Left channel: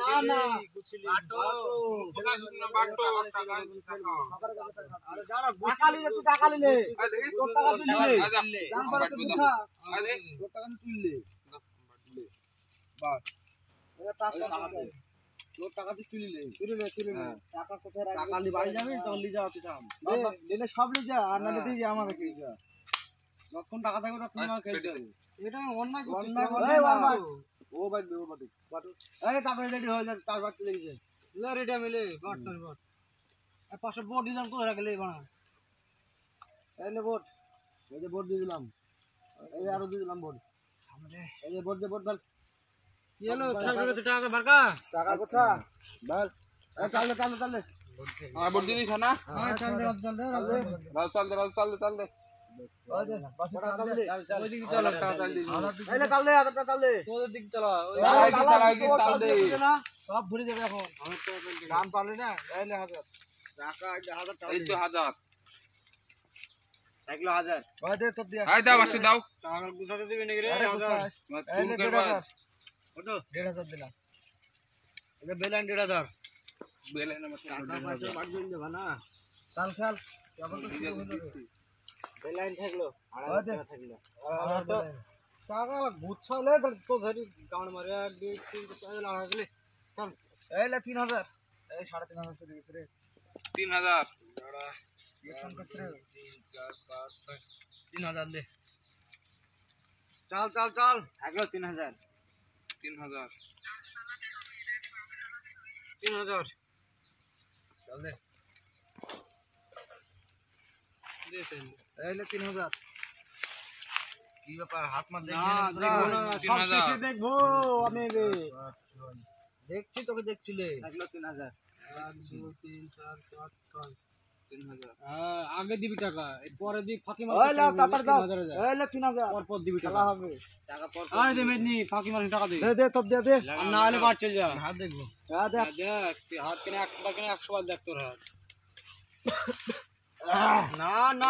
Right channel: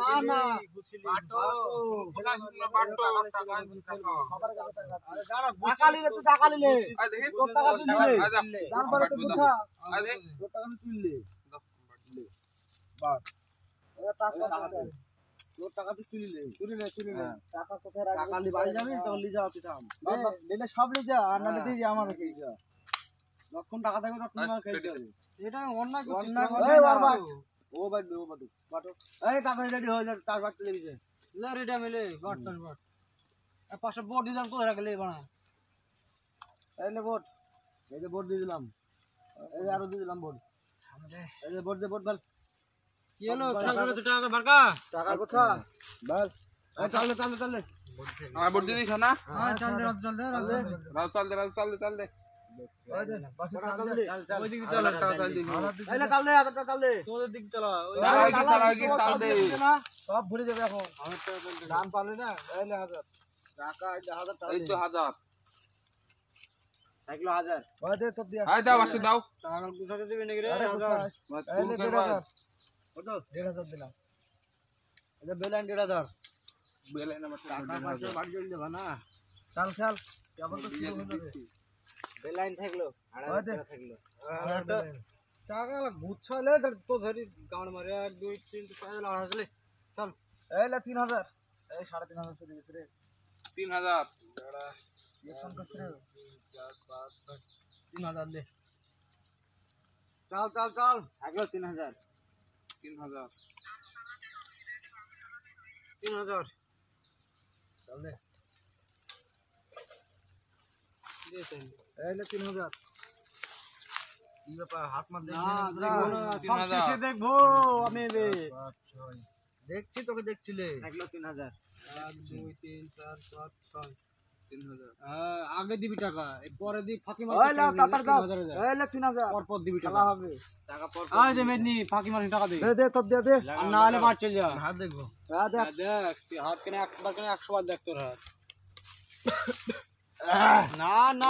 না না বাটো কোথায় শুননা বাটো টাকা টাকা আরে দাঁড়া টাকা নিলে তুই টাকা নিলে আই দেখি তোর টাকা তুই নিলে আজা জান পারে তুই বুঝা আই দে তোর টাকা তুই নিলে বাস এটা টাকা তোর টাকা তুই তুলিলে টাকা কোথায় রাখবি টাকা নি বাড়ি যাবি তখন লিয়ে যাও তুই থাম নিলে সব লিয়ে যা আর নালে তুই আমাকে খেয়ে যা লক্ষণ টাকা থাকবে তখন আমাকে খেয়ে যাবে এটা অন্যায় করছিস ও বাটো এই টাকা রেডি হয়ে যা তার বাড়তে লেগেছে লে রেডি মিলে বাটন বাট আর পাশে বোর্ড দিলাম কোথায় রাখলে বানা এই লে বোর্ড এই যে বোর্ড দিয়ে দিলাম এই আরো দিয়ে দিলাম বোর্ড এই যে বোর্ড দে বোর্ড বল কি হলো টাকা বারকা টাকা কোথা বল এই চালে আর বড় দিদি না হ্যাঁ চল দে চল দে সব ভরে যাবে এখন দাম পারলে না এলে 1000 টাকা 1000 এই তো 1000 1 1000 ওই দে তো দিয়া আই দাও আসে দাও টাকা গুছাতে দিবি নাকি রে 1000 এলে 1000 ওটো 1500 দিলাম এটা বেলাইন 1500 বেলাইন আমার টাকা পাঁচে বাড়ি জল দেবা না চাল চাল কেবল তো শুরু হলো রে বেলাইন থাকলো 1000 থাকলো টাকা গুছালে তো ধরি গান মারে 1 2 3 4 লাগা গেলে চল এইলে 3000 এই 3500 চলে গেছে রে 3000 দাঁড়া ये फोन करছ রে 3 4 5 3000 দে চল চল চল থাকলো 3000 চল দে এইলে 3000 কি ব্যাপার হাত মার দেখি দেখবো আমি দেখছি তোকে দেখছিলে থাকলো 3000 1 2 3 4 5 6 3000 হ্যাঁ আগে দিবি টাকা পরে দিক ফাঁকি মার ওই লাও কাটার দাও এইলে 3000 পর পর দিবি টাকা হবে টাকা পর আই দে মেদনি ফাঁকি মার টাকা দে দে তোর দে আর না হলে বাদ চল যা হাত দেখবো হ্যাঁ দেখ তুই হাত কেন একবার কেন 100 বার দেখ তোর হাত না না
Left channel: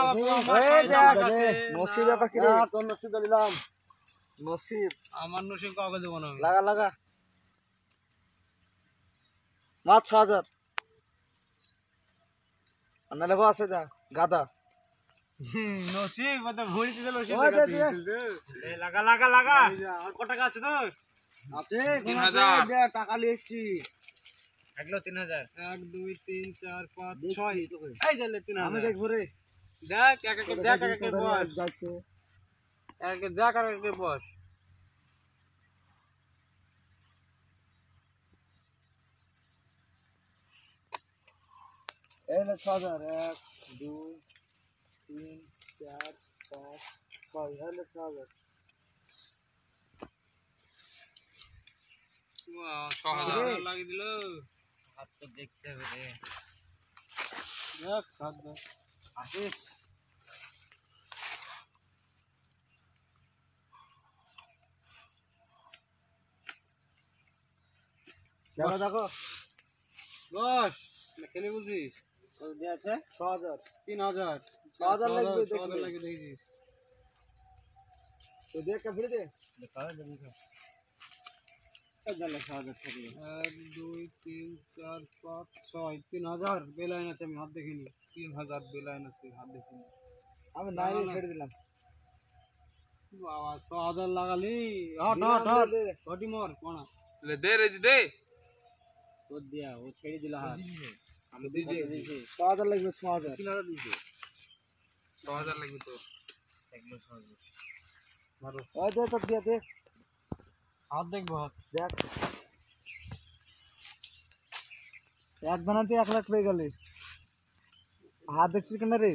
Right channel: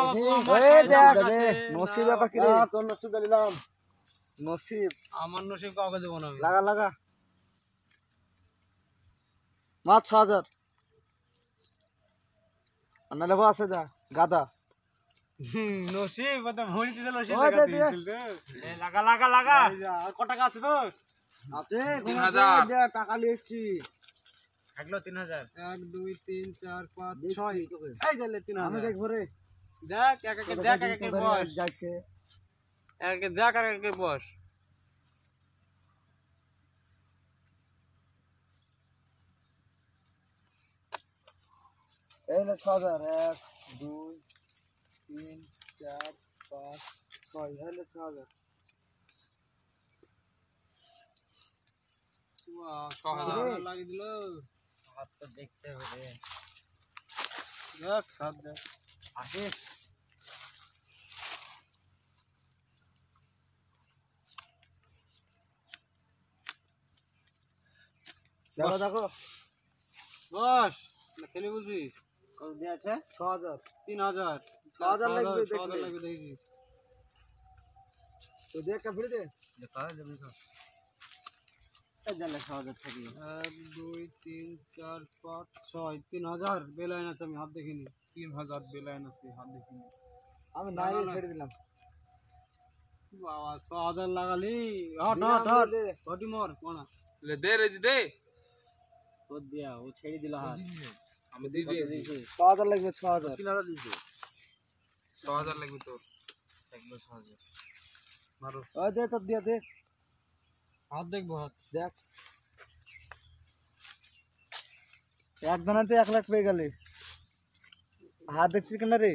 এই দেখ নসিব ব্যাপার কি রে তোর নসিব দিলাম নসিব আমার নসিব কাউকে দেব না লাগা মাছ 6000 নালে বাসে দা গাদা নসিব মানে ভরি দিল নসিব এই লাগা আর কত টাকা আছে তোর আছে 3000 দে টাকা লিয়েছি থাকলো 3000 1 2 3 4 5 6 এই গেলে 3000 আমি দেখব রে দেখ এক বস যাচ্ছে এক বস এই না 6000 1 2 3 4 5 6 এই না 6000 6000 লাগিয়ে দিল হাত তো দেখতে হবে রে দেখ হাত দেখ আসিস দেখো বস খেলে বলছিস কত দিয়ে আছে 6000 3000 6000 লাগবে 6000 লাগবে দেখিস তো দেখ কা ফিরে দে দেখা যাবে তো এই জানলে 6000 থাকলো 1 2 3 4 5 6 3000 বেলাইন আছে আমি হাত দেখিনি 3000 বেলাইন আছে হাত দেখিনি আমি নাই ছেড়ে দিলাম বাবা 6000 লাগালি হট হটি মোর কোন ले दे रे दे তো দিয়া ও ছেড়ে দিলা হাত আমি দিয়েছি 6000 লাগবে 6000 কিনারা দিয়েছে 6000 লাগবে তো লাগবে 6000 মারো ওই দে তো দিয়া দে হাত দেখবো হাত দেখ এক জনাতে 1 লাখ পেয়ে গেলে হাত দেখছিস কেন রে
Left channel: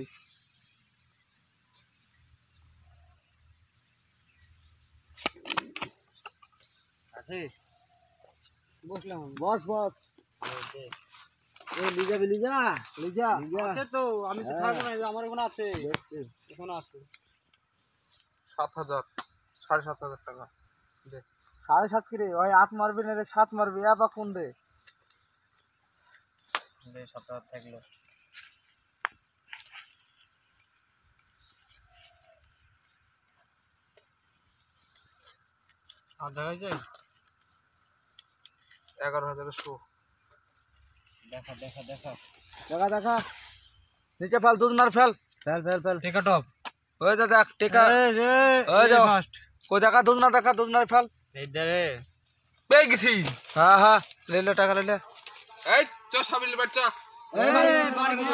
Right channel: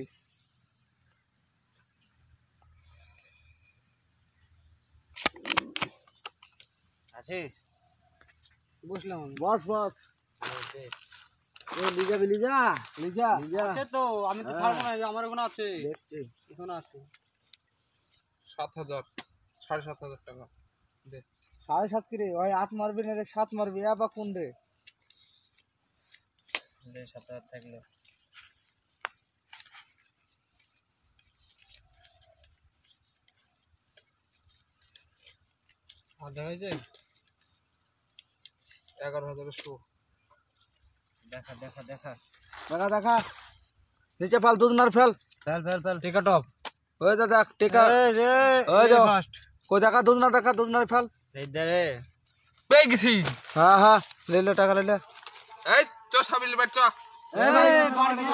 আছিস বসলাম বস এই লিজা আছে তো আমি তো ছাড়বো না আমার ওখানে আছে দেখছি এখানে আছে 7000 7500 টাকা দে 7.5 কি রে ওই 8 মারবি না রে 7 মারবি আবা কোন রে দে 7000 থাকলো আধা হয়ে যায় 11,100 দেখা নিচে ফেল দুজনার ফেল টেকা টপ ওই দা দেখ টেকা ওই যাও কই দেখা দুজনার ফেল এই দে পেয়ে গেছি হ্যাঁ লে টাকা লে এই চ সাবিল বাট চ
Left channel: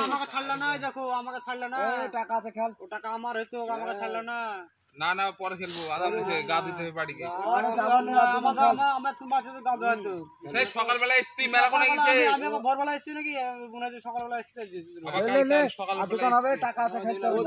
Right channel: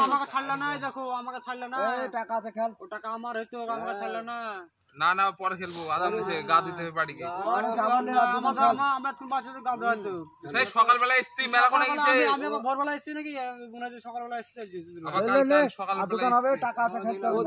আমাকে ছাড়লো না দেখো আমাকে ছাড়লো না টাকা আছে খেল ও টাকা আমার হইতো আমাকে ছাড়লো না না পরে খেলবো আদাম দিছে গা দিতে হবে বাড়িকে আমার তুমি বাচ্চা তো গাবে হয়তো সেই সকালবেলা এসছি মেলা কোনে গেছে আমি আবার ভোরবেলা এসেছি নাকি মনে হয় সকালবেলা এসেছি আবার কাল সকালবেলা দোকান হবে টাকা আছে খেলতে হবে